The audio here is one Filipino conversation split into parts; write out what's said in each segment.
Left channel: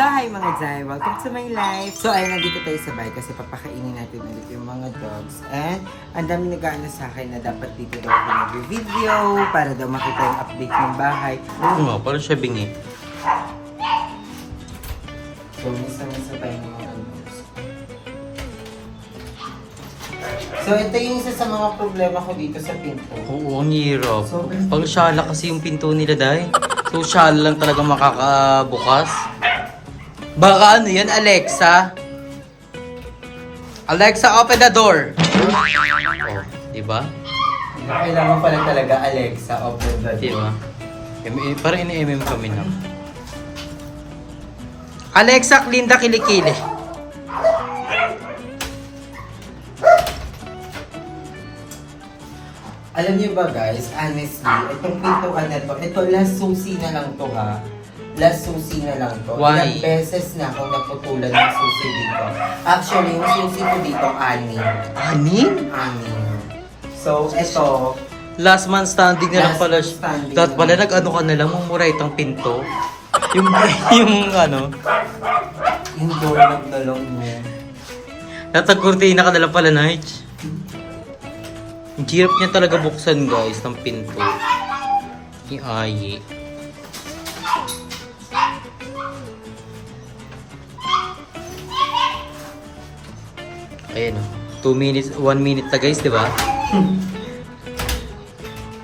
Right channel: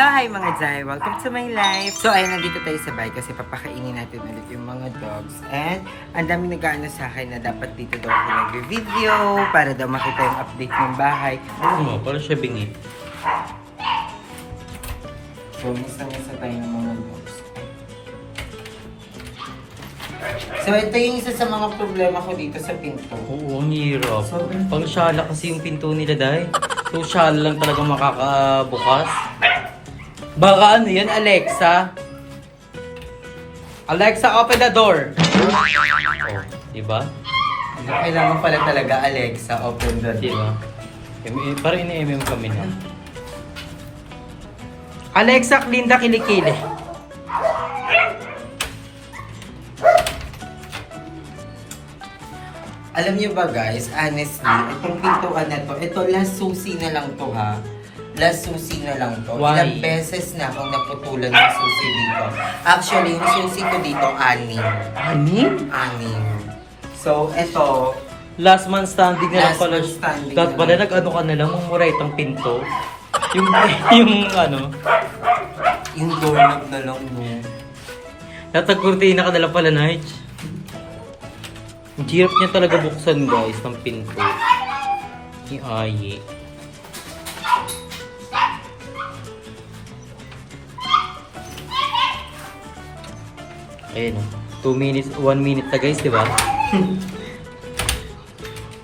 So, hi mga Jai! Welcome to my life! So, ayun, nandito tayo sa bahay kasi papakainin natin ulit yung mga dogs. And, ang dami nag-aano sa akin na dapat dito daw ako nag-video para daw makita yung update ng bahay. Oo, parang siya bingi. So, misa-misa tayo ng mga dogs. So, ito yung isa sa mga problema ko dito sa pinto. Oo, ang hirap. Sobrang- Pang syala kasi yung pinto nila, Day. So, syala lang talaga makakabukas. Baka ano yan, Alexa? Alexa, open the door! Oh, diba? Kailangan pala talaga, Alexa, open the door. Diba? Parang ini-MM kami na. Alexa, clean the kilikili. Alam niyo ba guys, honestly, itong pintuan na to, ito last susi na lang to ha. Last susi na lang to. Why? Ilang beses na akong naputulan ng susi dito. Actually, yung susi ko dito, 6. Anim? 6. So, ito, Last man standing na lang Last pala. man standing Dapat na pala lang. nag-ano ka na lang, mumuray itang pinto. Yung, yung ano, yung doorknob na lang mo. natagkurtina ka na lang pala, Nige. Ang hirap niya talaga buksan, guys, ng pinto. Yung ayi. Ayan o. 2 minutes, 1 minute na guys, di ba?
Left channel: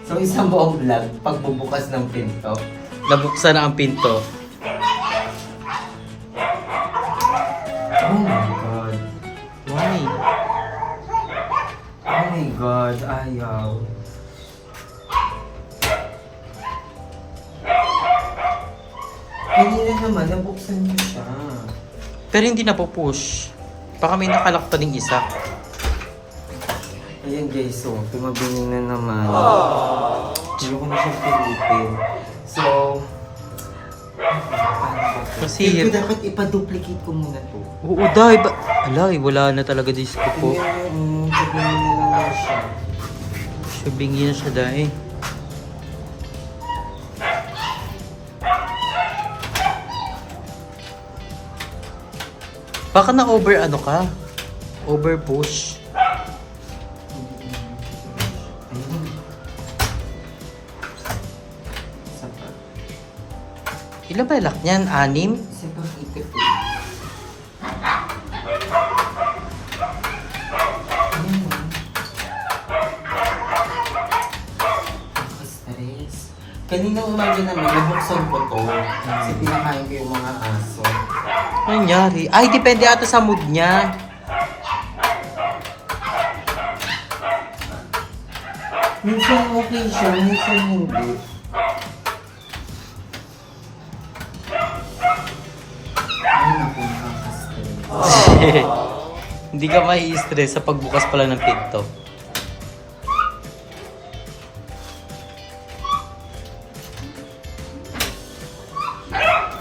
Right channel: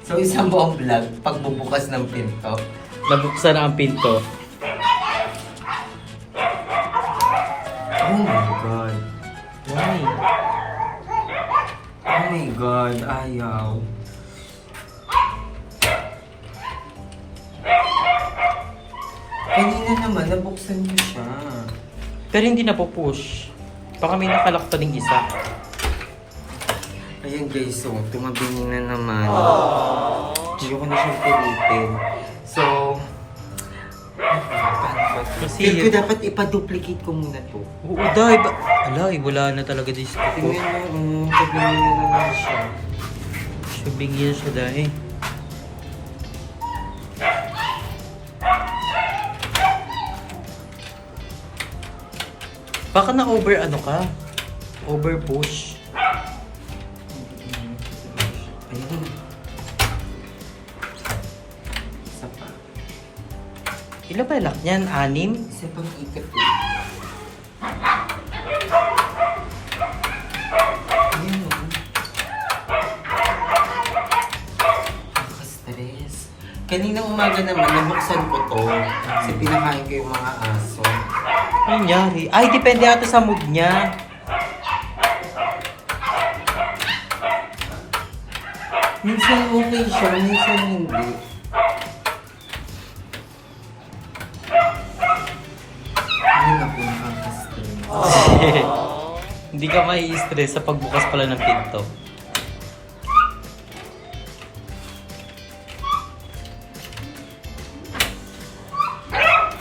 So, isang buong vlog, pagbubukas ng pinto. Nabuksan na ang pinto. Oh my God. Why? Oh my God, ayaw. Kanina naman, nabuksan ko siya. Pero hindi na po push. Baka may nakalak pa ding isa. Ayan guys, so tumabing na naman. Hindi ko na siyang pilitin. So, paano ba ito? Kasi Feel ko dapat ipa-duplicate ko muna to. Oo, Day. Alay, wala na talaga disco ko. Tingnan mo, tabingin na naman siya. Siya bingi na siya, Day. Baka na-over ano ka? Over push. Ayan. Isa pa. Ilan ba lock niyan? 6? Isa pang ikot eh. Ayan o. Nakastress. Kaninang umaga naman, nabuksan ko to. Kasi pinakain ko yung mga aso. Ano nangyari? Ay, depende ata sa mood niya. Minsan okay siya, minsan hindi. Ay, naku, nakakastress. Hindi ka mai-stress sa pagbukas pala ng pinto.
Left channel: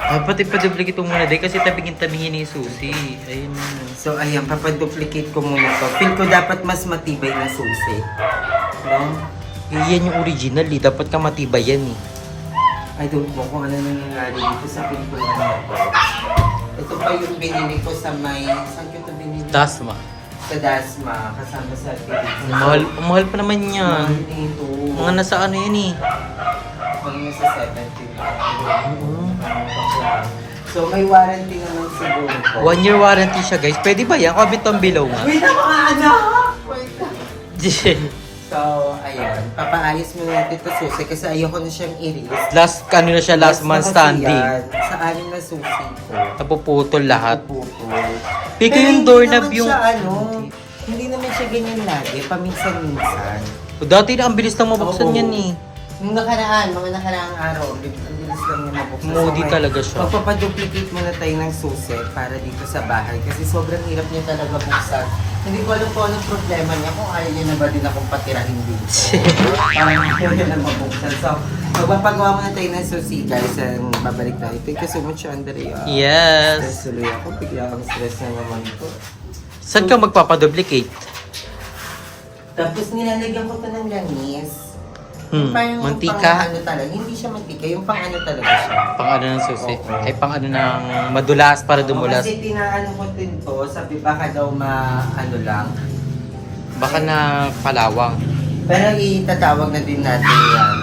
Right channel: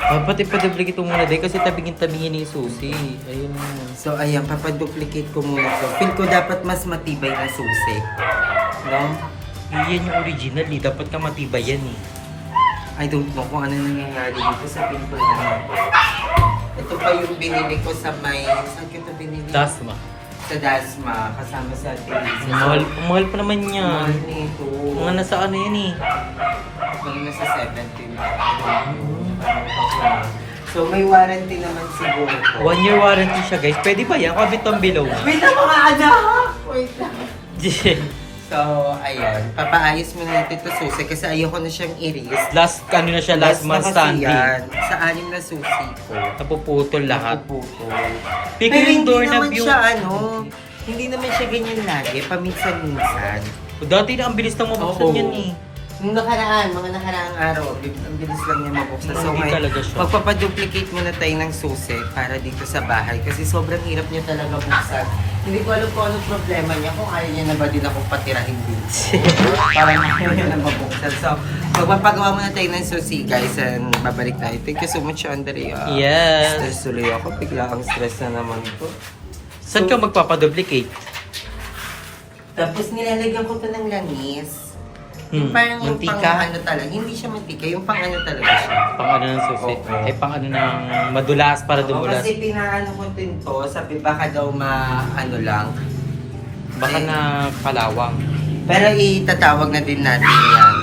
Dapat ipa-duplicate mo muna, Day, kasi tabingin-tabingin ni Susi. Ayun na. So, ayan, papaduplicate ko muna to. Feel ko dapat mas matibay na susi. No? Yan yung original eh. Dapat ka matibay yan eh. I don't know kung ano nangyayari dito sa pintuan na to. Ito pa yung binili ko sa may... Saan ko ito binili? Dasma. Sa Dasma, kasama sa Tilisa. Ang mahal pa naman yan. Mahal nito. Mga nasa ano yan eh. Mga nasa 70 lang. So, may warranty naman siguro to. 1 year warranty siya, guys. Pwede ba yan? Comment down below nga. Wait lang mga anak! Wait lang. So, ayun. Papaayos muna natin ito susi kasi ayoko na siyang i-risk. Last, ano na siya, last man na kasi standing. yan. Sa 6 na susi ko. Napuputol lahat. Puputol. Piki Pero yung hindi doorknob naman yung... siya hindi naman siya ganyan lagi. Paminsan-minsan. Dati na, ang bilis nang mabuksan Oo. yan eh. Nung mga nakaraang araw, ang bilis lang yan mabuksan. Moody ngayon, talaga siya. Magpapaduplicate muna tayo ng susi para dito sa bahay kasi sobrang hirap niya talaga buksan. Hindi ko alam kung anong problema niya, kung ayaw niya na ba din akong patirahin dito. Parang ayaw niya na mabuksan. So, magpapagawa muna tayo ng susi guys and babalik tayo. Thank you so much, Andrea. Yes. Stress tuloy ako, bigla ang stress na naman ito. Saan ka magpapaduplicate? Tapos nilalagyan ko to ng langis. Yung parang mantika. pang ano talaga. Hindi siya mantika. Yung pang ano talaga siya. Pang ano ng susi. Oo. Ay, pang ano ng madulas para dumulas. Kasi pinaano ko din to. Sabi baka daw ano lang. Baka na palawang. Pero itatawag na din natin yan.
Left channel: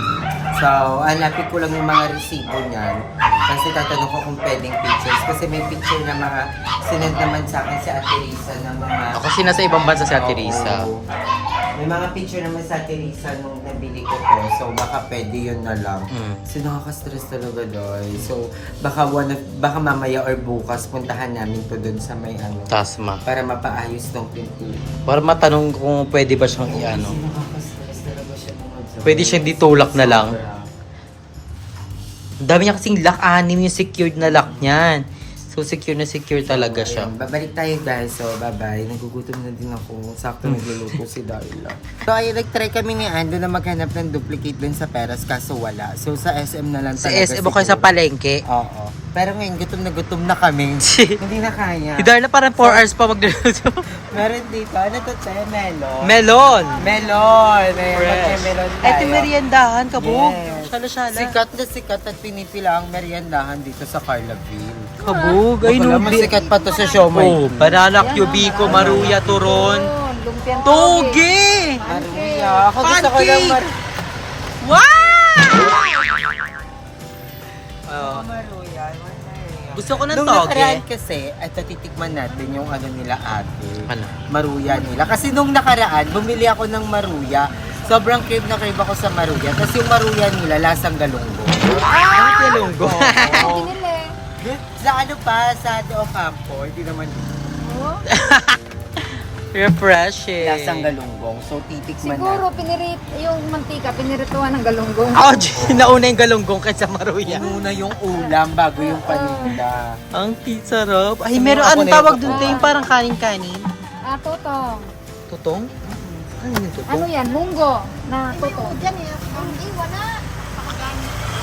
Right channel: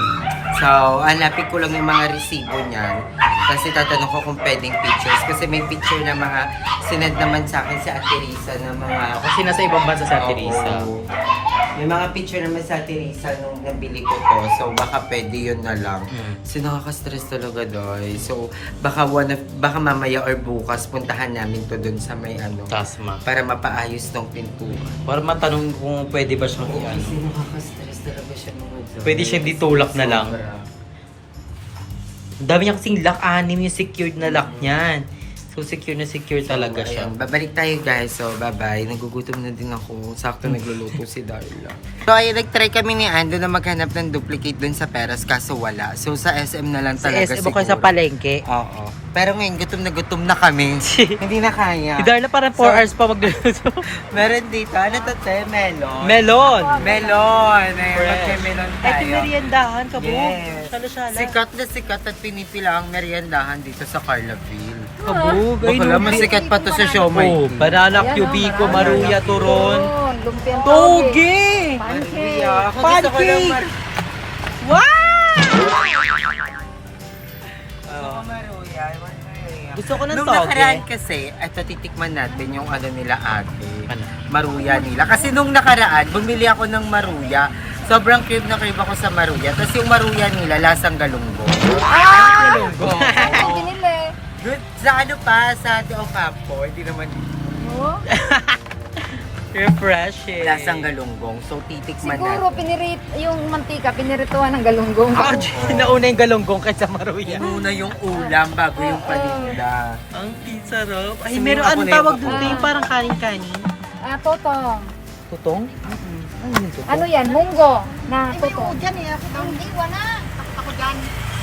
So, hanapin ko lang yung mga resibo niyan. Kasi tatanong ko kung pwedeng pictures. Kasi may picture na mga sinend naman sa akin si Ate Risa na mga... Kasi nasa ibang bansa si Ate Oo. Risa. May mga picture naman sa Ate Risa nung nabili ko to. So, baka pwede yun na lang. Kasi nakaka-stress talaga doy. So, baka mamaya or bukas puntahan namin to dun sa may ano. Tasma. Para mapaayos ng pintuan. Para matanong kung pwede ba siyang i-ano. Kasi nakaka-stress talaga siya mga doy. Pwede siyang ditulak na lang. Sobra. Ang dami niya kasing lock, 6 yung secured na lock niyan. So, secure na secure talaga siya. Ayun, babalik tayo guys. So, bye-bye. Nagugutom na din ako. Sakto nagluluto si Darla. So, ayun, nag-try kami ni Ando na maghanap ng duplicate dun sa Peras kaso wala. So, sa SM na lang Sa talaga SM o kayo sa palengke. Oo. Pero ngayon, gutom na kami. Hindi na kaya. Si Darla parang 4 hours pa magluluto. Meron dito. Ano to, Che? Melon. Melon! Melon. May Fresh. melon tayo. Ito meriendahan, kabog. Yes. Shala-shala. Sikat na sikat at pinipila ang meriendahan dito sa Carlaville. Kabog. Ay, Baka no. masikat pa to sa Siomay. Oh, banana cubico, maruya, turon. Toge! Maria. Pancake! Wow! Maruya. Gusto ko ng Nung toge. nakaraan kasi, ito titikman natin yung ano nila ate. Ano? Maruya nila. Kasi nung nakaraan, bumili ako ng maruya. Sobrang crave na crave ako sa maruya. Kasi yung maruya nila, lasang galunggong. Ang galunggo. Oo. Doon, sa ano pa, sa De Ocampo, hindi naman Refreshing. lasang galunggong. So, titikman Siguro natin. yung mantika, pinirituhan ng galunggong. Ouch! Nauna yung galunggong kaysa maruya. Inuna yung ulam bago yung paninda. Ang sarap. Ay, Gusto meron mo ako anong na tawag yung dun? pakuha? Yung parang kanin-kanin. Toto. Tutong? Ano yung tutong? Ano yan? Munggo. Na toto. Dyan eh. Ang iwan na.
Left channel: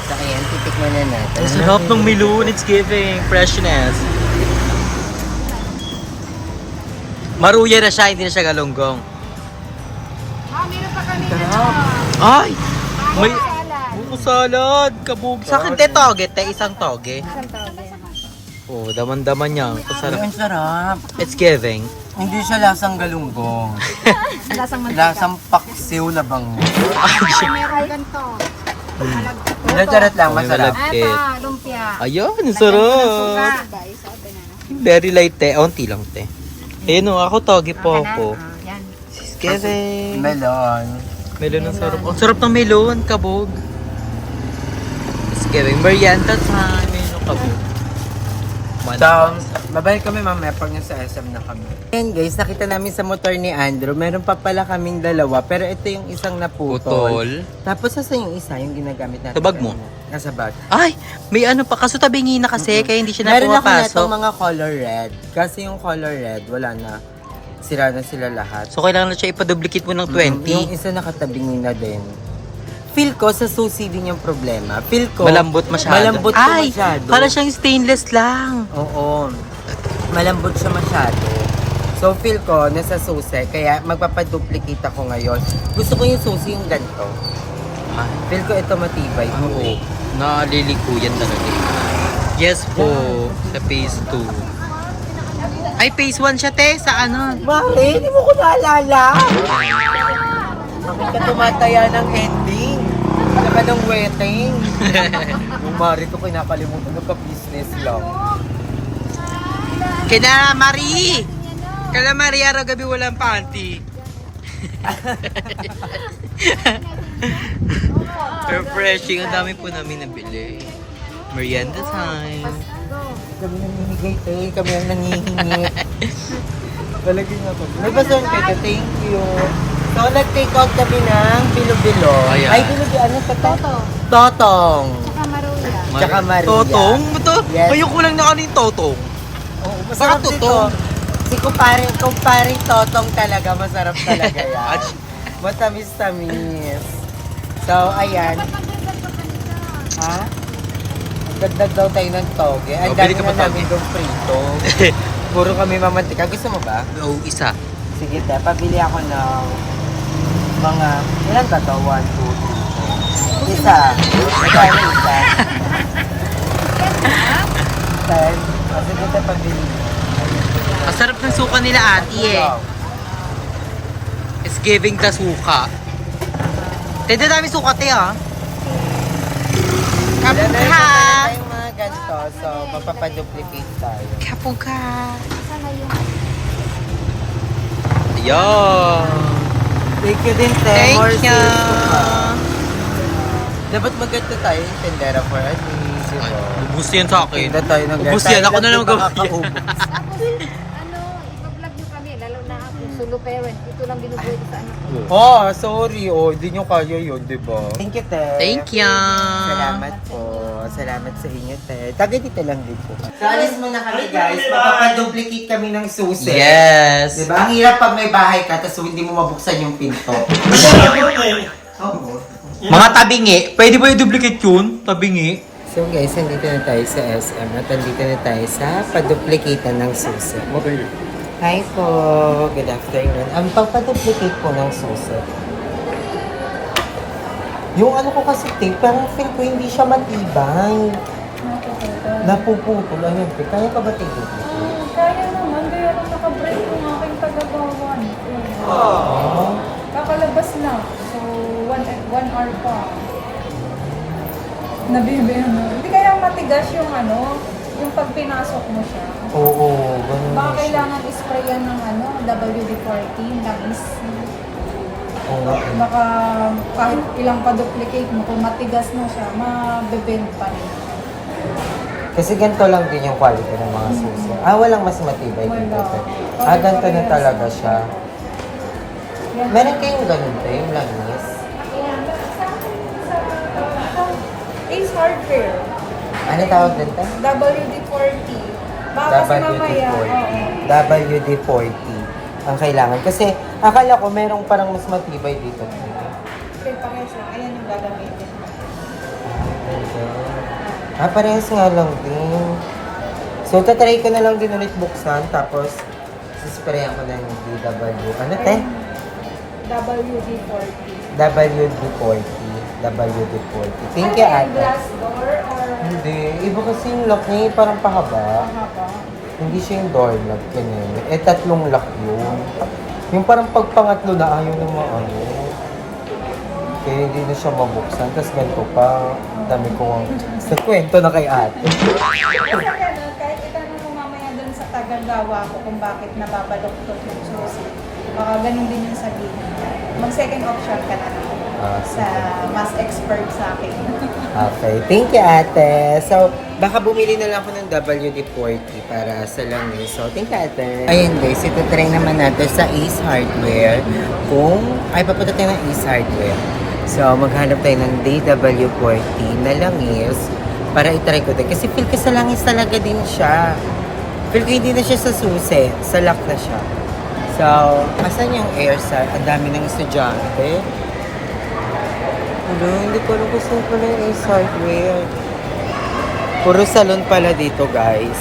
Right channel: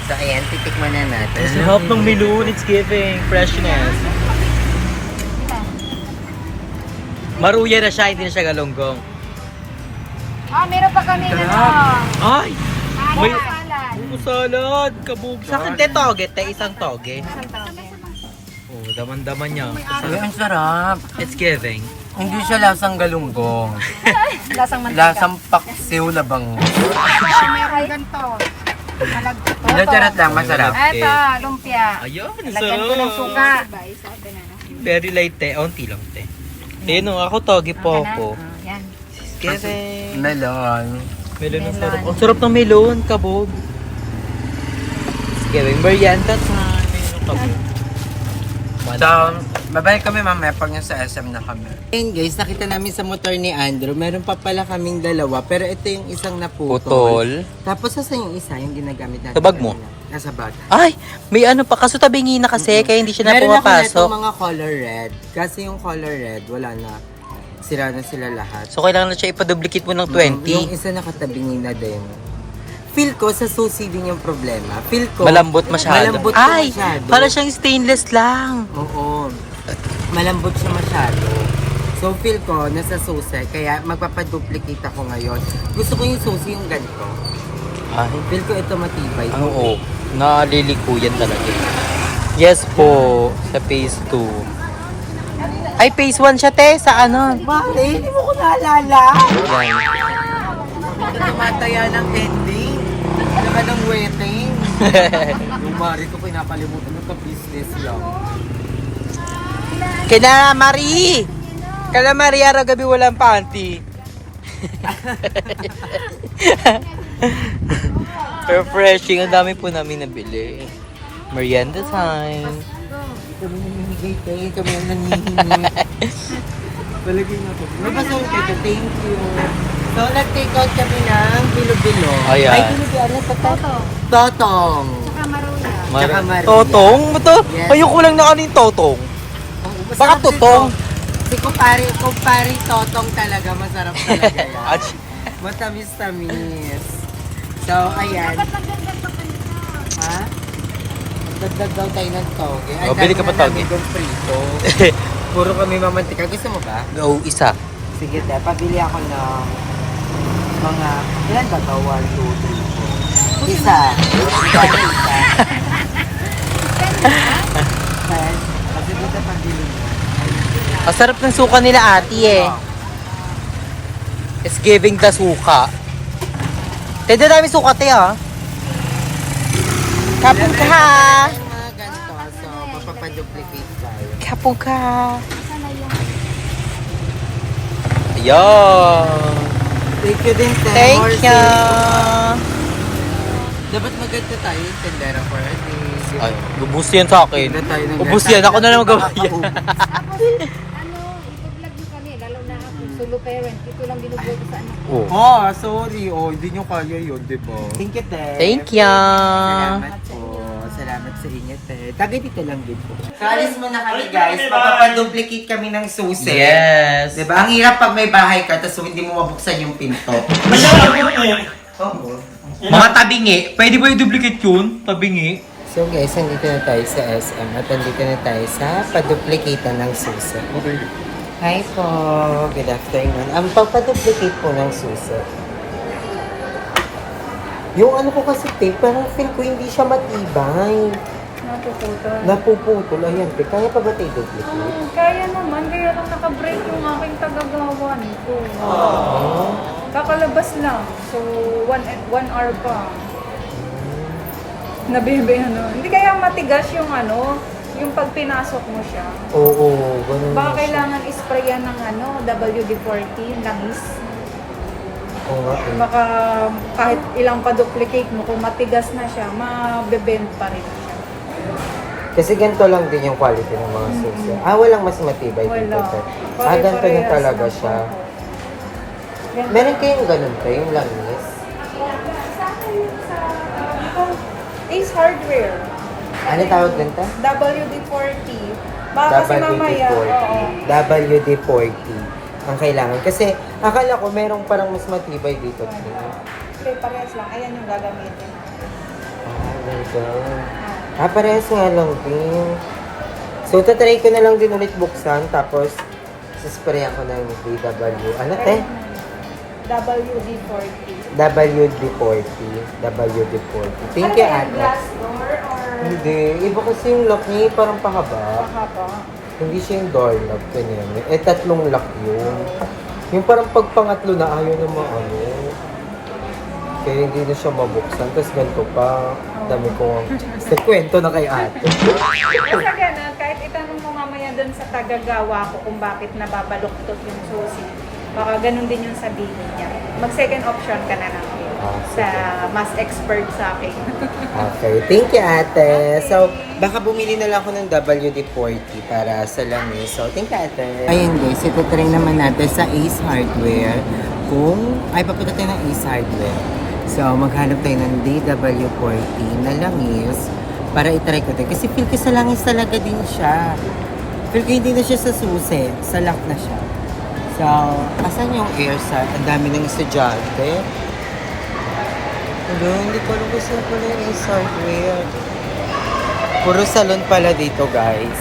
So, ayan, titikman na natin. Ang sarap ng melon. It's giving freshness. Maruya na siya, hindi na siya galunggong. Meron pa kami na Ay! May salad. buko salad. Kabog. Sa akin, te, toge. Te, isang toge. Oh, daman-daman niya. Ay, Masarap. ang sarap. It's giving. Hindi siya lasang galunggong. Lasang mantika. Lasang paksiw na bango. Meron ganito. Hindi, charot lang, masarap. Eto, lumpia. Ayun, ang Lagyan ko ng suka. sarap. Very light, te. Onti lang, te. Ayun, ako toge po ako. Yan. It's giving. Melon. Melon ang sarap. Ang sarap ng melon, kabog. It's giving. Merienda time. Melon, kabog. So, babalik kami mamaya pag nasa SM na kami. Ayan guys, nakita namin sa motor ni Andrew, meron pa pala kaming dalawa, pero ito yung isang naputol. Putol. Tapos sasa yung isa, yung ginagamit natin. Sa bag mo? Nasa bag. Ay, may ano pa. Kaso tabingi na kasi, kaya hindi siya na Meron ako na pumapasok. itong mga color red. Kasi yung color red, wala na. Sira na sila lahat. So, kailangan na siya ipaduplicate mo ng 20. Yung isa nakatabingin na din. Feel ko sa susi din yung problema. Feel ko Malambot masyado. Malambot siya Ay, masyado. para siyang stainless lang. Oo. Malambot siya masyado. So feel ko nasa susi, kaya magpapaduplicate ako ngayon. Gusto ko yung susi yung ganito. Ay, Feel ko ito matibay. oo. Nalilikuyan talaga. Yes po, sa phase 2. Ay, phase 1 siya, te. Sa ano? Bakit? Hindi mo ko naalala. Bakit ka tumataya ng ending? Ano ka ng wedding? Yung Mari ko kinakalimutan, nagka-business lang. Kina Marie! Kala Marie, araw gabi walang panty. Refreshing. Ang dami po namin nabili. Merienda time. Kami nang nanigay tayo, kami ang nangihingi. Talagin mo to. Nagbasang kayo, thank you. So, nag-take out kami ng bilo-bilo. Ayan. Ay, bilo-bilo. Ano sa to? Totong. Saka maruya. Tsaka Maria. Totong? Ito? Yes. Ayoko lang na ano yung totong. Oo, Baka masarap totong. dito. Si kumpare totong talaga, masarap talaga yan. Ach. Matamis-tamis. So, ayan. Ha? Magdagdag daw tayo ng toge. Ang Oh, bili ka dami pa na toge. namin dong prito. Puro kami mamantika. Gusto mo ba? Go, isa. Sige, te. Pabili ako ng mga... Ilan ba to? 1, 2, 3, Isa. Magkano isa? 10. Kasi buti pagbili mo. Ang sarap ng suka nila ate eh. It's giving the suka. Tede dami suka te ah. Kapag ka. Yung mga ganito, so mapapaduplicate tayo. Kapag ka. Asan na yung... Ayan. Thank you din, Te. Thank More you. sales. Dapat mag-get tayo yung tendera for a day. Ay, ubus yan sa akin. Tingnan tayo ng Ubus yan. Ako na lang magawa yan. Tapos, ipa-vlog nyo kami, lalo na ako, solo parent. Ito lang binubuhay ko sa anak ko. Oh, sorry. Oh, hindi nyo kaya yun, di ba? Thank you, Te. Thank you. Salamat po. Salamat sa inyo, Te. Tagay dito lang din po. Kalis mo na kami, guys. Mapapaduplicate kami ng susi. Yes. Diba? Ang hirap pag may bahay ka, tapos hindi mo mabuksan yung pinto. Oh. Mga tabingi. Pwede ba i-duplicate yun? Tabingi. So guys, nandito na tayo sa SM at nandito na tayo sa paduplicatean ng susi. Hi po! Good afternoon. Ang pagpaduplicate po ng susi. Yung ano ko kasi tape, parang feel ko hindi siya matibay. Napuputol. Ayun, kaya pa ba tayo duplicate? Kaya naman, kaya nung nakabreak yung aking tagagawa nito. Oh. Kakalabas lang. So, 1 hour pa. Nabibihan mo. Hindi kaya matigas yung yung pag pinasok mo siya. Oo, ganun Baka na siya. kailangan isprayan ng WD-40, langis. Oo nga eh. Baka kahit ilang pa-duplicate mo, kung matigas na siya, mabebend pa rin. Kasi ganito lang din yung quality ng mga susi. Walang mas matibay dito. Wala. Te. Ganito na talaga siya. Meron kayong ganun te, yung langis. Ace Hardware, Ano tawag din te? WD-40. Baka kasi mamaya, WD-40. WD-40 ang kailangan. Kasi akala ko merong parang mas matibay dito. Okay, parehas lang. Ayan yung gagamitin. Ganito. Parehas nga lang din. So, tatry ko na lang din ulit buksan. Tapos, sasprayan ko ng DW. Ano te? WD-40. WD-40. WD-40. Thank you, ate. Glass door or Hindi. Iba kasi yung lock niya, parang pahaba. haba? Hindi siya yung doorknob. Ganyan. Tatlong lock yun. Yung parang pagpangatlo na ayaw na maano. Kaya hindi na siya mabuksan. Tapos ganito pa. Dami ko sa kwento na kay ate. Kaya na, kahit itanong mo mamaya dun sa tagagawa ko kung bakit nababaluktot yung susi. Baka ganun din yung sabihin niya. Mag-second option ka na lang sa mas expert sa akin. Okay. Thank you, ate. So, baka bumili na lang ako ng WD-40 para sa langis. So, thank you, ate. Ayan guys, ito try naman natin sa Ace Hardware. Papunta tayo ng Ace Hardware. So, maghanap tayo ng DW40 na langis para itry ko din. Kasi feel ko sa langis talaga din siya. Feel ko hindi na siya sa susi. Sa lock na siya. So, asan yung AirStar? Ang dami ng estudyante. Hello, hindi ko alam kung saan pala yung Ace Hardware. Puro salon pala dito, guys.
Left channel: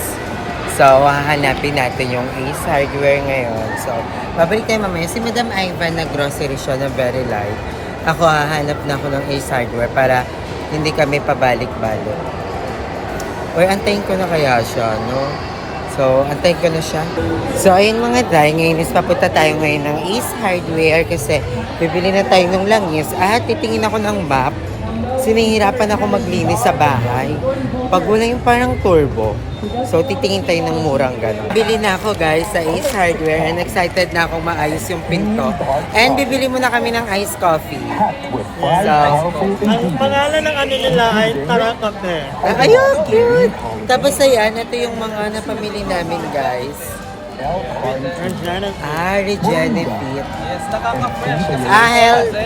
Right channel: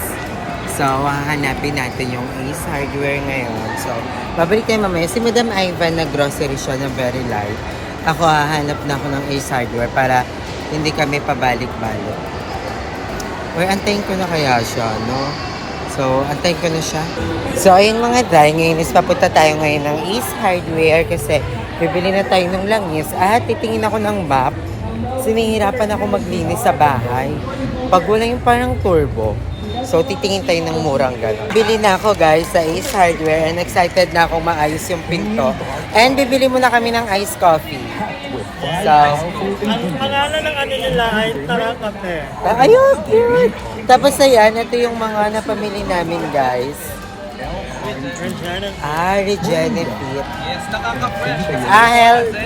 So, hahanapin natin yung Ace Hardware ngayon. So, babalik tayo mamaya. Si Madam Ivan na grocery siya na very light. Ako hahanap na ako ng Ace Hardware para hindi kami pabalik-balik. Or antayin ko na kaya siya, no? So, antayin ko na siya. So, ayun mga day, ngayon is papunta tayo ngayon ng Ace Hardware kasi bibili na tayo ng langis at titingin ako ng map. Sinihirapan ako maglinis sa bahay. Pag wala yung parang turbo, so titingin tayo ng murang gano'n. Bili na ako guys sa Ace Hardware and excited na akong maayos yung pinto. And bibili muna kami ng iced coffee. So, Ang pangalan ng ano nila ay Tarakape. ayun, cute! Tapos ayan, ito yung mga napamili namin guys. Regenefit. Yes, nakaka-fresh. Health.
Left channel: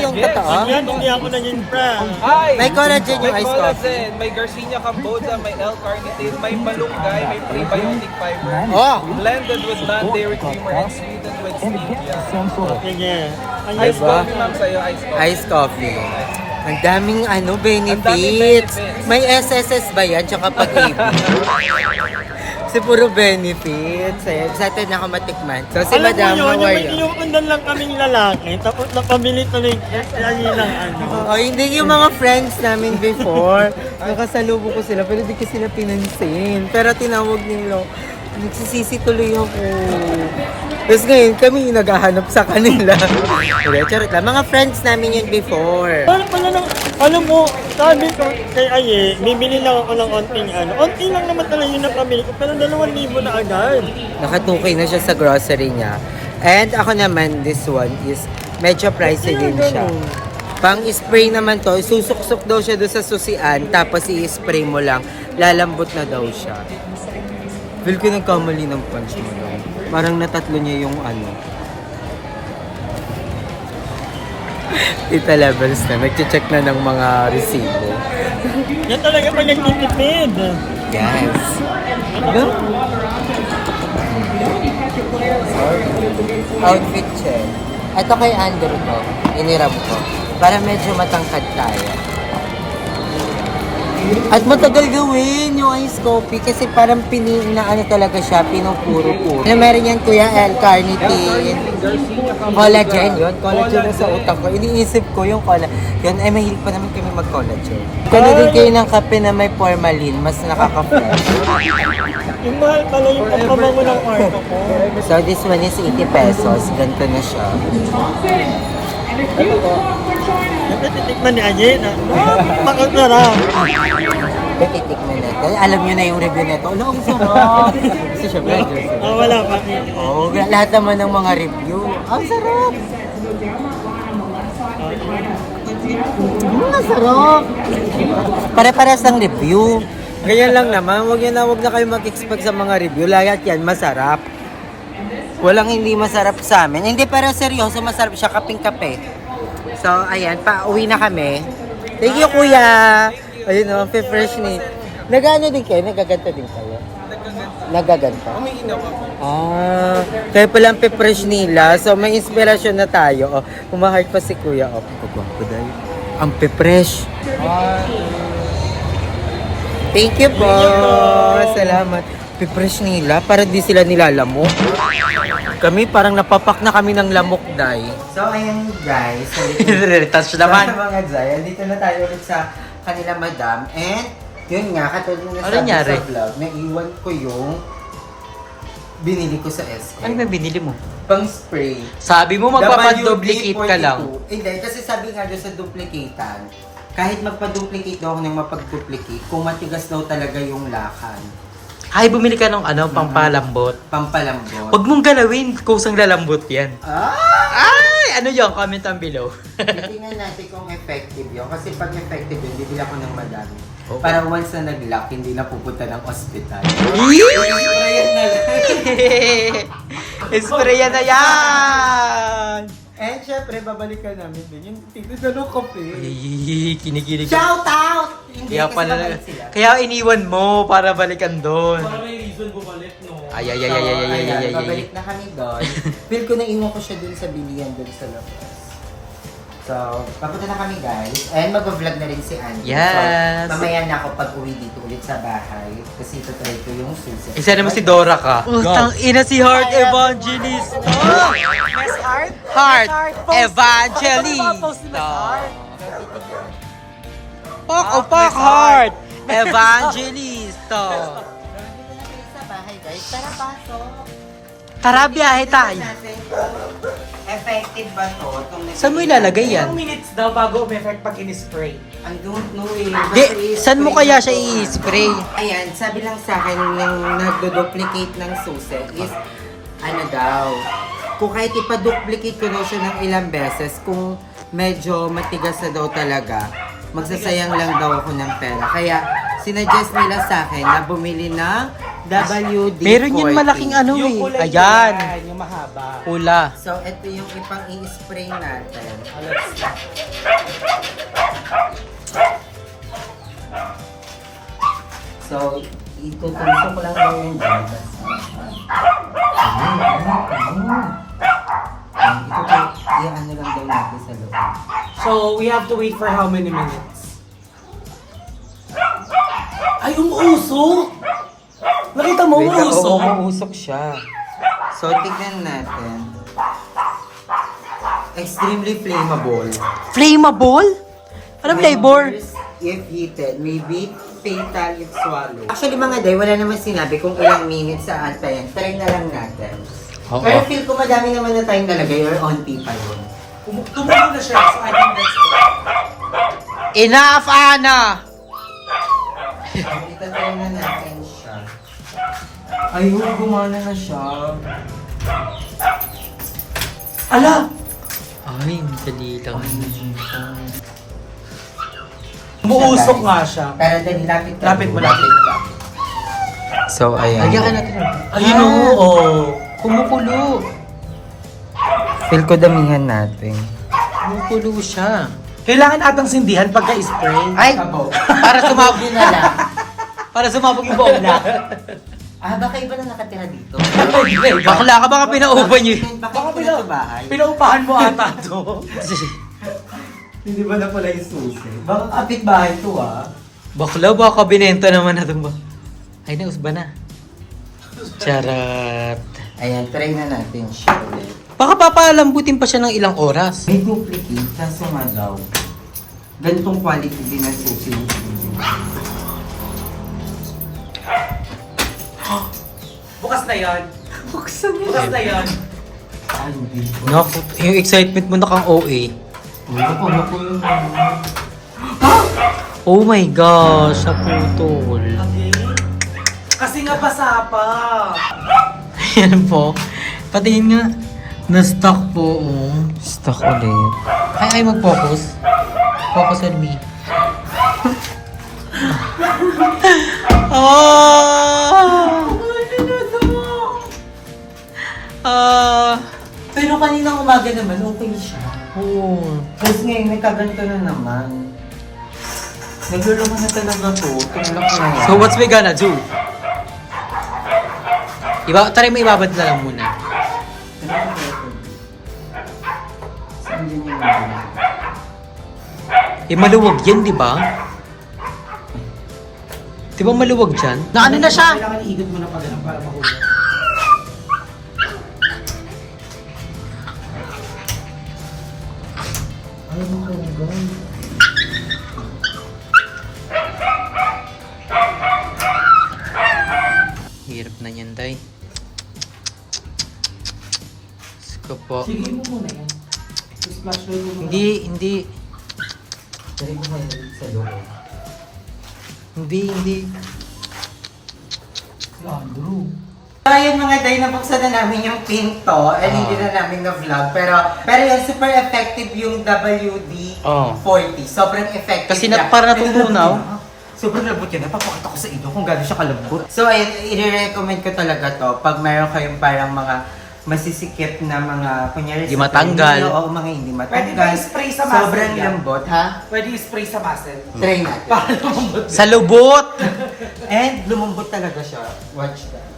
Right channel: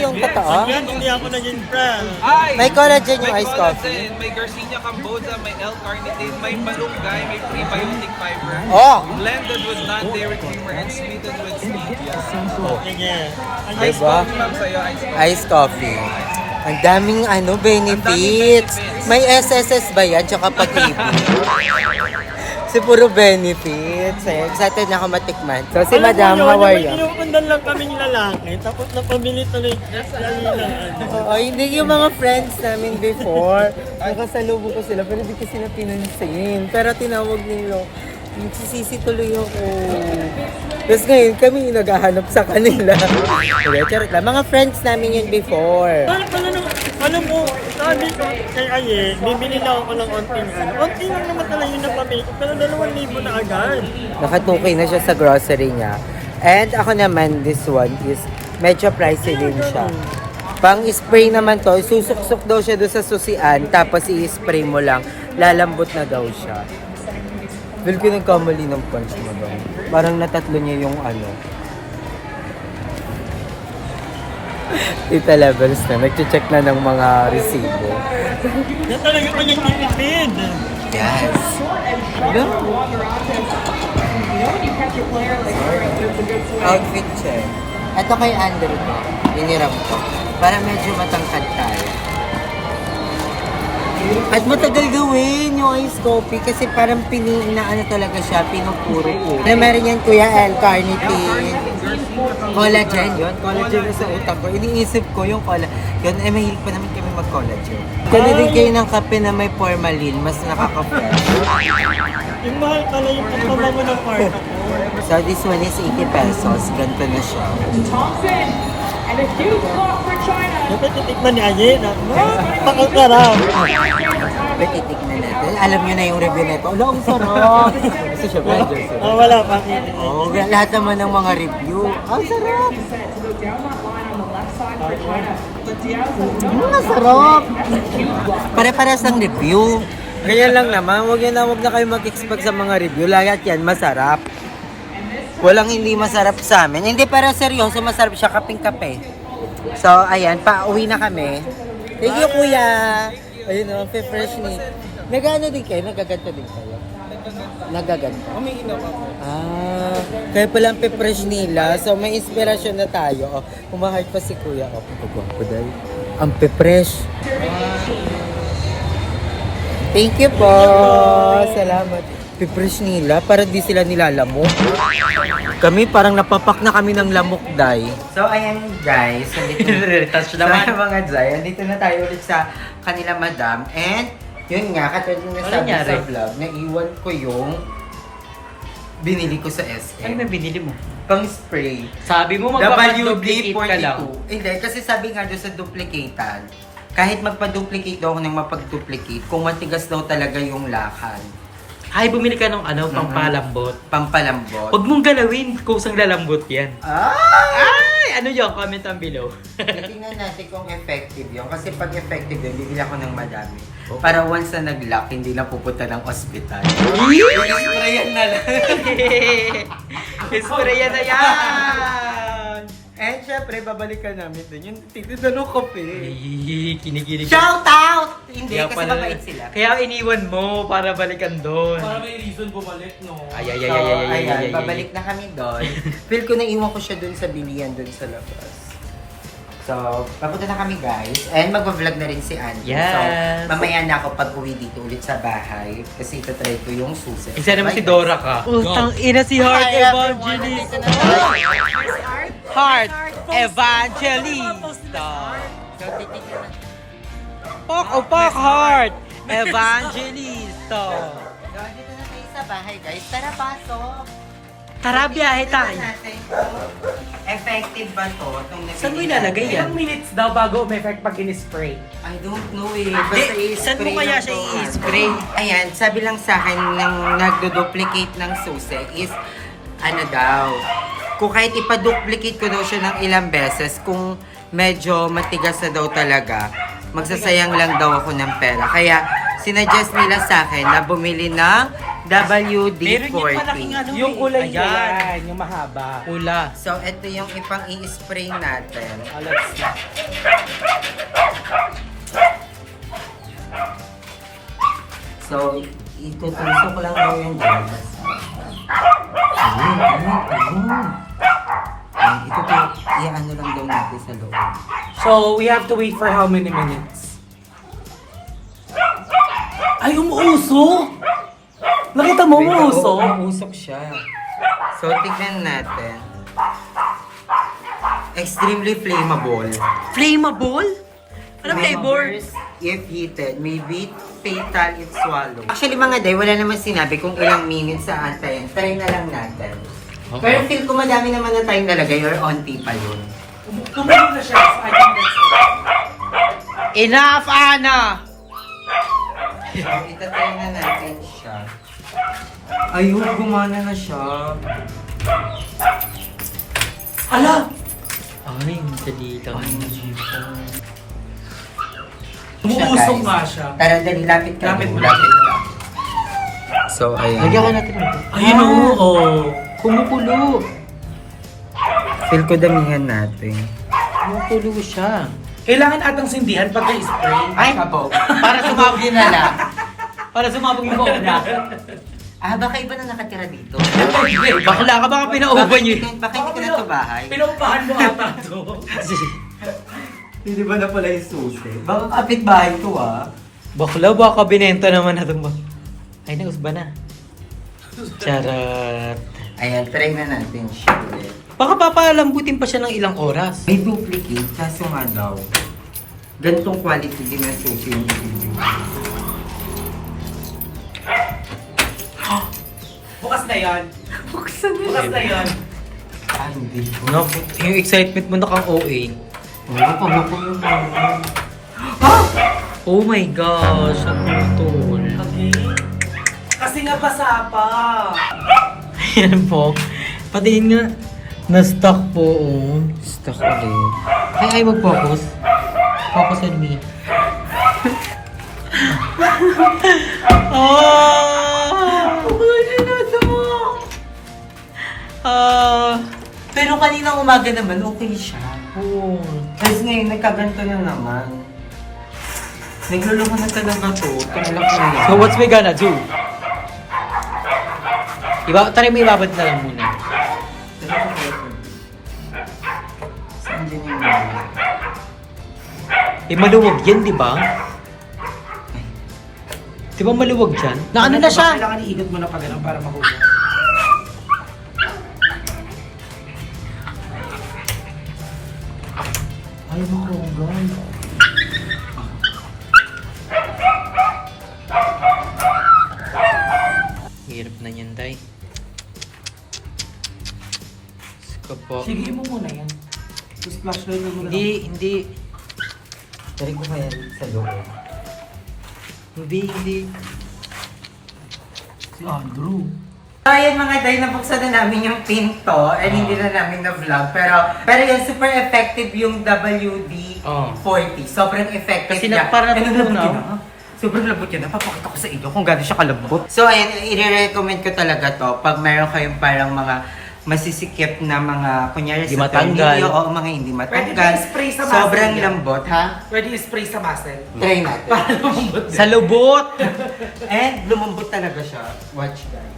Yung totoo. Yan, hindi ako naging friend. May collagen yung iced coffee. May Garcinia Cambodia, may L-carnitine, may malunggay, may prebiotic fiber. Oh! Blended with non-dairy creamer and sweetened with stevia. Sige. Ang Diba? Ma'am, sa'yo, ice Iced coffee. Ang daming benefits. May SSS ba yan? Tsaka pag-ibig. Kasi puro benefits. Eh. Excited na ako matikman. So, si Alam mo Madam, yun, how are may you? inuundan lang kaming lalaki, tapos nakabili tuloy ayun lang ano. Oo, hindi yung mga friends namin before. Nakasalubong ko sila, pero hindi ko sila pinansin. Pero tinawag nila. Nagsisisi tuloy ako. Tapos ngayon, kami yung naghahanap sa kanila. Pero charot lang. Mga friends namin yun before. Alam mo, sabi ko kay Aye, bibili lang ako ng onting ano. Onting lang naman talaga yung nakabili ko, pero 2,000 na agad. Nakatukay na siya sa grocery niya. And ako naman, this one is medyo pricey din siya. Pang spray naman to, susuksok daw siya doon sa susian, tapos i-spray mo lang, lalambot na daw siya. Feel ko nagkamali ng punch mo daw. Parang natatlo niya yung ano. Tita Levels na, nagche-check na ng mga resibo. Yan talaga pag nagtitipid. Yes. Ano? Outfit check. Ito kay Andrew to. Iniram ko. Para medyo matangkad tayo. At matagal gawin yung ice coffee kasi parang na ano talaga siya, pinupuro-puro. Na meron yan Kuya L-carnitine. Collagen yun. Collagen na sa utak ko. Iniisip ko yung collagen. Yun, ay mahilig pa naman kami mag-collagen. Kano din kayo ng kape na may formalin, mas nakaka-fresh. Yung mahal pala yung pagpabango ng kwarto ko. So this one is 80 pesos. Ganito na siya. Dapat titikman ni Aye na, makasarap. Titikman natin. Alam nyo na yung review nito. Ala, ang sarap! Gusto siya, blenders. Oh, wala pa. Oo, lahat naman ng mga review. Ang sarap! Ang sarap! Pare-pares ang review. Ganyan lang naman. Huwag na kayo mag-expect sa mga review. Lahat yan, masarap. Walang hindi masarap sa amin. Hindi, pero seryoso, masarap siya kaping-kape. So, ayan, pauwi na kami. Thank you, kuya! Ayun o, fresh ni. Nag-ano din kayo? Nagaganta din kayo? Nagaganta? May ginawa ko. Kaya pala ang fresh nila. So, may inspirasyon na tayo. Umahart pa si kuya. Pagwapo dahil. Ang fresh. Thank you po! Salamat. Fresh nila para di sila nilalamok. Kami parang napapak na kami ng lamok, day. So, ayan guys. Touch naman. So, mga day, andito na tayo ulit sa kanila madam. And, yun nga, katulad ng nasabi nangyari? sa vlog, naiwan ko yung binili ko sa SM. Ano ba binili mo? Pang spray. Sabi mo magpapaduplicate ka lang. Hindi, kasi sabi nga doon sa duplicatean, kahit magpa-duplicate daw ako ng mapag-duplicate, kung matigas daw talaga yung lakan. Ay, bumili ka ng ano, pampalambot. Pampalambot. Huwag mong galawin, kusang lalambot yan. Ay, ano yun? Comment down below. Tingnan natin kung effective yun. Kasi pag effective yun, bibili ako ng madami. Oo. Para once na nag-lock, hindi na pupunta ng ospital. Sprayan na lang. Sprayan na yan! And syempre, babalikan namin din yung tititanong kape. Ay, kinikilig. Shout out! Hindi, Kaya kasi pala, mabait sila. kaya iniwan mo para balikan doon. Para may reason bumalik, no? Ay, ay, ay, So, ay, ay, ay, ay, ayan, ay, ay. babalik na kami doon. Feel ko na iwan ko siya doon sa bilian doon sa labas. So, papunta na kami guys. And magpa-vlog na rin si Andy. Yes. So, mamaya na ako pag-uwi dito ulit sa bahay. Kasi itatry ko yung susi. Isa naman si Dora ka. Utang ina si Heart Evangelist. Heart Evangelist. So, titignan na. Pak Heart Evangelist. So, dito na tayo sa bahay guys. Tara, pasok. Tara, biyahe tayo. Tingnan natin kung effective ba to? Saan mo ilalagay yan? Ilang minutes daw bago umeffect pag in-spray? I don't know eh. Di, Basta saan mo i-spray kaya lang siya to, i-spray? Ayan, sabi lang sa akin ng nagdo-duplicate ng susi is ano daw. Kung kahit ipa-duplicate ko daw siya ng ilang beses, kung medyo matigas na daw talaga, magsasayang lang daw ako ng pera. Kaya sinuggest nila sa akin na bumili ng WD-40. Meron yung malaking ano eh. Ayan. Yung mahaba. Pula. So, ito yung ipang i-spray natin. So, itutuso ko lang daw yung labas. Ito i-ano lang daw natin sa loob. So, we have to wait for how many minutes? Ay, umuusok! Nakita mo, Wait, usok? Usok siya. So, tignan natin. Extremely flammable. Flammable? Anong flavor? If heated, may be fatal if swallowed. Actually mga day, wala naman sinabi kung ilang minutes sa antayin. Try na lang natin. Oo. Pero feel ko madami naman na tayong nalagay or onti pa yun. Tumulo na siya, so I think that's it. Enough, Ana! Itatry na natin siya. Ayun, gumana na siya. Ala! Ay, dali lang. Umuusok nga siya. Pero dali, lapit ka. Lapit mo, lapit ka. So, ayan. Lagyan ka natin. Ayun, oo. Kumukulo. Feel ko damihan natin. Kumukulo siya. Kailangan atang sindihan pagka-spray. Ay! Sabaw. Para sumabog Din na lang. Para sumabog yung buong na. Ah, baka iba na nakatira dito. Bakla ka, baka pinauban niyo. Baka hindi ka na to bahay. Pinaupahan mo ata to. Hindi ba na pala yung susi? Baka kapit-bahay to ah. Bakla, baka binenta naman na itong ba? Ay, nausba na. Charat. Ayan, try na natin siya. Baka papalambutin pa siya ng ilang oras. May duplicate, kaso nga daw. Ganitong quality din ng susi yung video. Bukas na yan. Bukas na yan. Ah, hindi ko. Naku, yung excitement mo na kang OA. Ano ko yung mga. Oh my gosh, naputol. Okay. Kasi nga basa pa. Ayan po. Patingin nga. Na-stuck po. Oh. Stuck ulit. Ay, mag-focus. Focus on me. Pero kaninang umaga naman, okay siya. Oo. Kasi ngayon, nagkaganto na naman. Naglulungan na talaga to. Tumulak na yan. So what's we gonna do? Try mo ibabad na lang muna. Saan din yung mga? Eh maluwag yan, di ba? Di ba maluwag dyan? Na ano na siya? Kailangan iikot mo na pa ganun para makuha. Ay, makugan. Hirap na yan, Day. Saka po. Sige mo muna yan. Tapos flashlight mo muna. Hindi. Try ko kaya sa loob. Hindi. Si Andrew. Ayan mga day, nabuksan na namin yung pinto and hindi na namin na-vlog. Pero yan, super effective yung WD-40. Sobrang effective Kasi niya. parang And natutunaw. lambot niya, sobrang lambot niya. Napapakita ko sa inyo kung gano'n siya kalambot. So ayan, i-recommend ko talaga to pag mayroon kayong parang mga masisikip na mga, kunyari Hindi sa matanggal. tornilyo, o mga hindi matanggal. Pwede ba i-spray sa muscle Sobrang yan? lambot, ha? Pwede i-spray sa muscle. Try natin. Sa lubot! And lumambot talaga siya. Watch guys.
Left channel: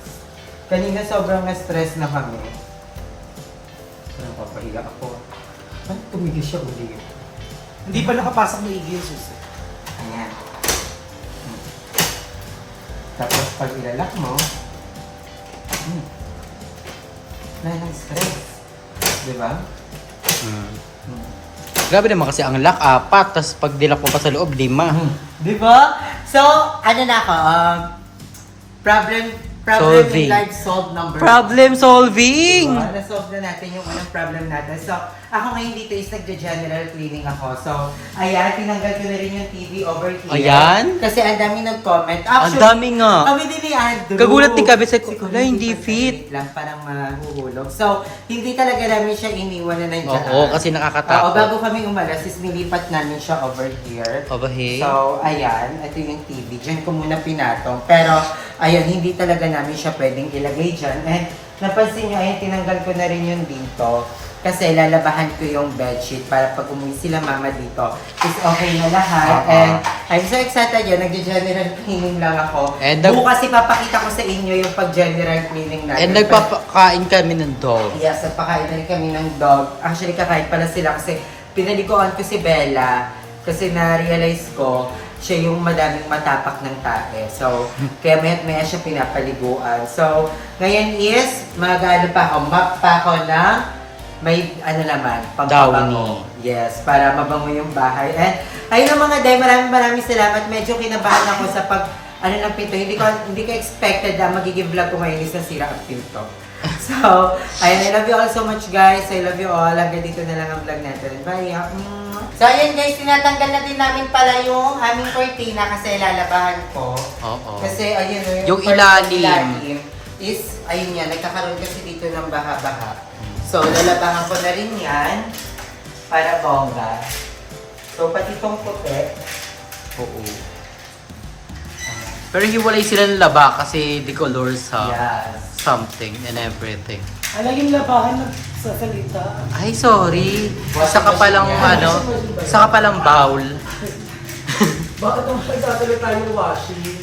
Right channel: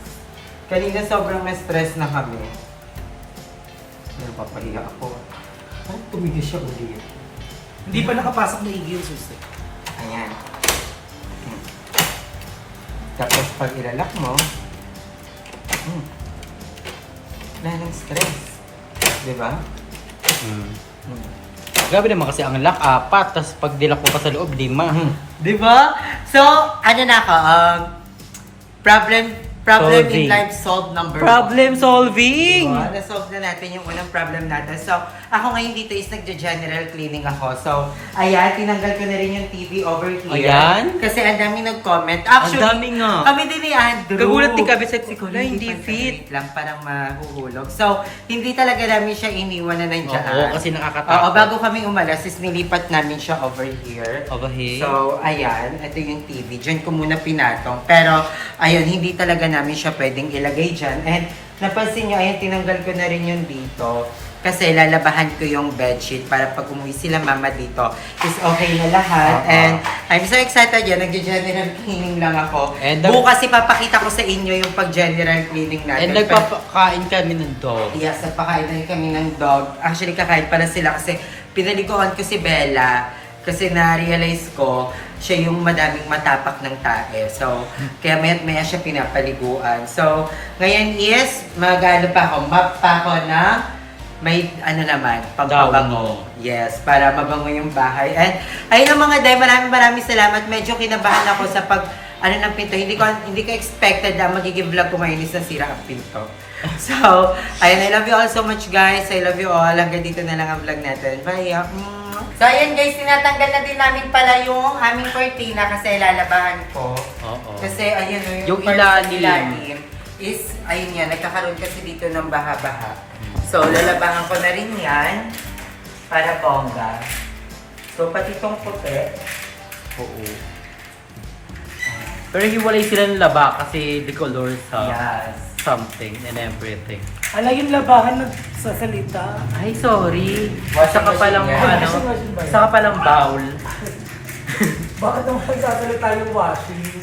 Kanina sobrang na-stress na kami. Pero papahiya ako. Parang tumigil siya ulit. Hindi pa nakapasok ni Iggy yung susi. Ayan. Tapos pag ilalak mo, wala nang stress. Diba? Grabe naman kasi ang lock, 4. Tapos pag dilak mo pa sa loob, 5. Diba? So, ano na ako, problem Solving. in life solved number Problem solving! Diba? Na-solve na natin yung unang problem natin. So, ako ngayon dito is nagja-general cleaning ako. So, ayan, tinanggal ko na rin yung TV over here. Ayan? Kasi ang dami nag-comment. Ang dami nga. Kami din ni Andrew. Kagulat ni Kabi, said ko, Siguro "Wala, hindi pa fit." lang, parang mahuhulog. So, hindi talaga namin siya iniwan na nandiyan. Oo, kasi nakakatakot. Oo, bago kami umalas, is nilipat namin siya over here. Over here? So, ayan, ito yung TV. Diyan ko muna pinatong. Pero, ayan, hindi talaga namin siya pwedeng ilagay dyan. And, napansin nyo, ayan, tinanggal ko na rin yung dito. Kasi lalabahan ko yung bedsheet para pag umuwi sila mama dito is okay na lahat. And I'm so excited yan. Nag-general cleaning lang ako. And Bukas ipapakita ko sa inyo yung pag-general cleaning natin. And nagpapakain kami ng dog. Yes, nagpakain na rin kami ng dog. Actually, kakain pala sila kasi pinaliguan ko si Bella. Kasi na-realize ko, siya yung madaming matapak ng tae. So, kaya maya siya pinapaliguan. So, ngayon is, mag-ano pa ako, map pa ako ng may ano naman, pagpabango. Yes, para mabango yung bahay. And ayun mga day, maraming salamat. Medyo kinabahan ako sa ano ng pinto. Hindi ko expected na magiging vlog ko ngayon is nasira ang pinto. So, ayun, I love you all so much guys. I love you all. Hanggang dito na lang ang vlog natin. Bye. So, ayun guys, tinatanggal na din namin pala yung aming cortina kasi lalabahan ko. Oo. Kasi ayun Yung part ilalim. ng ilalim is, ayun yan, nagkakaroon kasi dito ng baha-baha. So, lalabahan ko na rin yan para bongga. So, pati itong puti. Oo. Pero hiwalay sila ng laba kasi the colors Yes. something and everything. Ala yung labahan nagsasalita. Ay, sorry. Washing Isa ka palang machine. isa ka palang bowl. Bakit naman nagsasalita yung washing?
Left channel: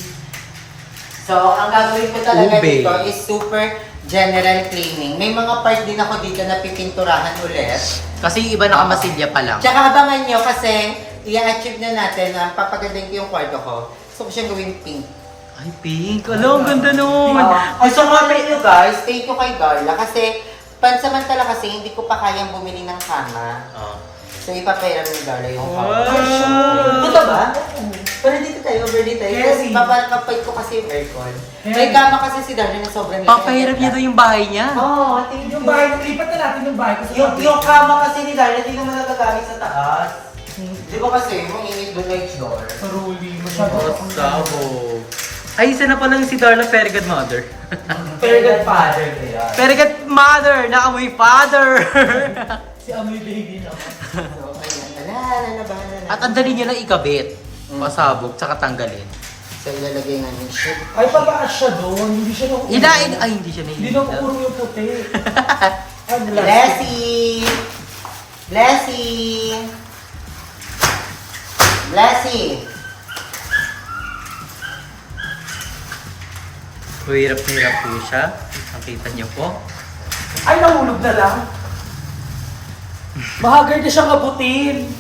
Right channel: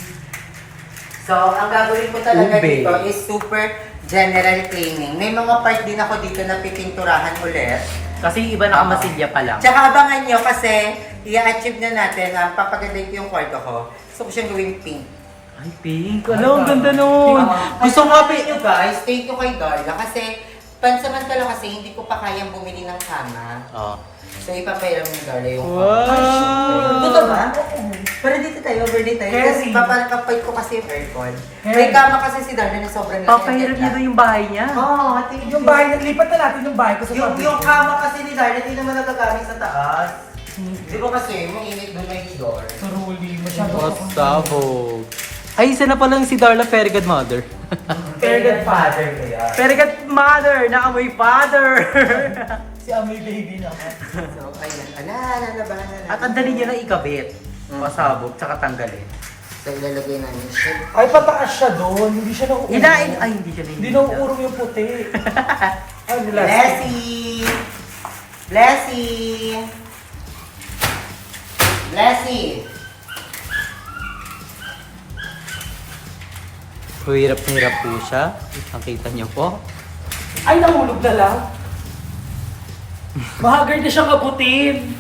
So, ang gagawin ko talaga Ube. dito is super general cleaning. May mga part din ako dito na pipinturahan ulit. Kasi yung iba nakamasilya pa lang. Tsaka abangan nyo kasi i-achieve na natin ang papagandahin ko yung kwarto ko. So, ko siyang gawing pink. Ay, pink. Alam, ang ganda nun. Gusto mo Thank you guys. Thank you kay Darla. Kasi, pansamantala kasi hindi ko pa kayang bumili ng kama. So, ipapairam ni Darla yung kama. Wow! Ito ba? Pero dito tayo, over dito tayo. Kasi Keri. papalakapay ko kasi yung aircon. Keri. May kama kasi si Darla na sobrang Papahiram niya doon yung bahay niya. Oo, thank you. Yung bahay, lipat na natin yung bahay ko sa tabi. Yung kama kasi ni Darla, hindi naman nagagamit sa taas. Di ba kasi, mainit doon na door. Saruli, masyado akong Sabog. Ay, isa na palang si Darla Perigad Mother. Very good father kaya. Perigad Mother! Naamoy father! si Amoy Baby naman. So, ayan. Ala, lalabahan na natin. At ang dali niya na ikabit. Pasabog, tsaka tanggalin. So, ilalagay namin siya. Ay, pataas siya doon. Hindi siya nauurong. Ay, hindi siya Hindi nahihinig. nauurong yung puti. Ang Blessy! Blessy! Blessy! Hirap na hirap po siya. Nakita niyo po. Ay, nahulog na lang. Mahagard na siya kabutin.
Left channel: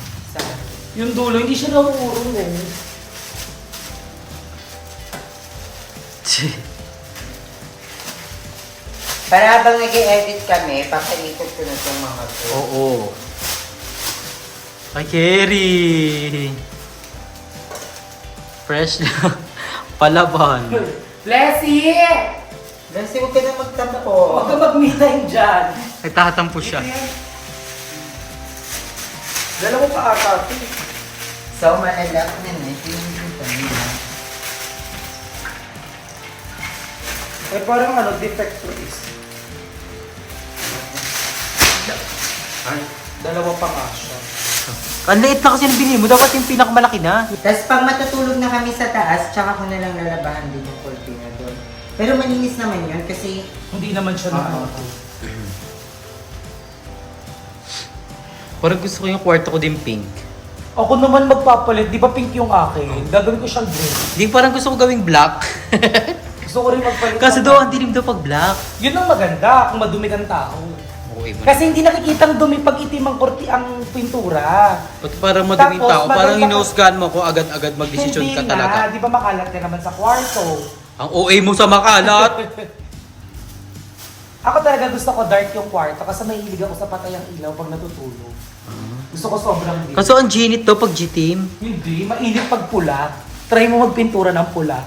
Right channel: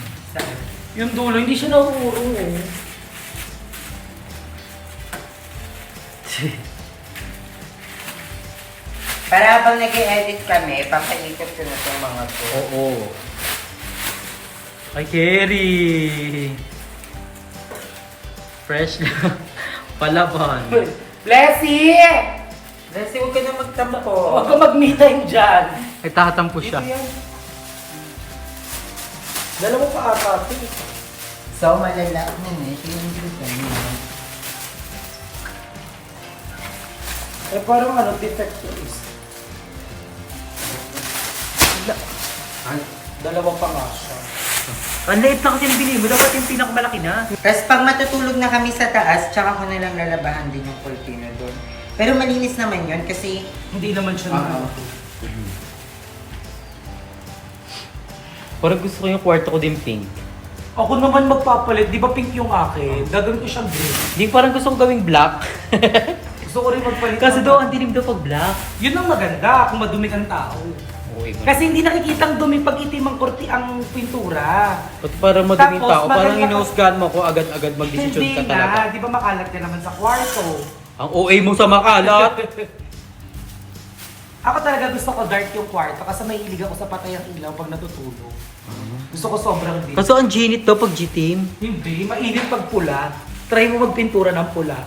Yung dulo, hindi siya nauurong eh. Para habang nag-edit kami, papaikot ko na itong mga to. Oo. Ay, Kerry! Fresh na. Palaban. Blessy! Blessy, huwag ka na magtampo. Huwag ka mag-me-time dyan. Ay, tatampo siya. Dito yan. Dalawa pa ata ito eh. So, malalak na na. Ito yung dito niya. Eh parang ano, defector is. Ay. Dalawa pa nga siya. Ang liit na kasi yung binili mo. Dapat yung pinakamalaki na. Tapos pag matutulog na kami sa taas, tsaka ko na lang lalabahan din yung cortina doon. Pero malinis naman yun kasi Hindi naman siya Oo. Parang gusto ko yung kwarto ko din pink. Ako naman magpapalit, di ba pink yung akin? Gagawin ko siyang green. Hindi, parang gusto ko gawing black. Gusto ko rin magpalit. Kasi doon, ang dilim daw pag black. Yun ang maganda kung madumi ang tao. Oo, iba. Kasi hindi nakikitang dumi pag itim ang ang pintura. Ba't parang maduming Tapos, tao? Parang maganda- hinusgahan mo ko agad-agad magdesisyon Hindi ka talaga. na, di ba makalat ka naman sa kwarto? Ang OA mo sa makalat. Ako talaga gusto ko dark yung kwarto kasi mahilig ako sa patay ang ilaw pag natutulog. Gusto ko sobrang dim. Kaso ang ginit to pag G-team. Hindi, mainit pag pula. Try mo magpintura ng pula.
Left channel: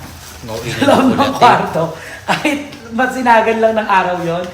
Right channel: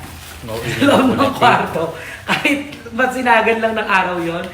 Oo, Alam mo ng kwarto. Kahit masinagan lang ng araw yon,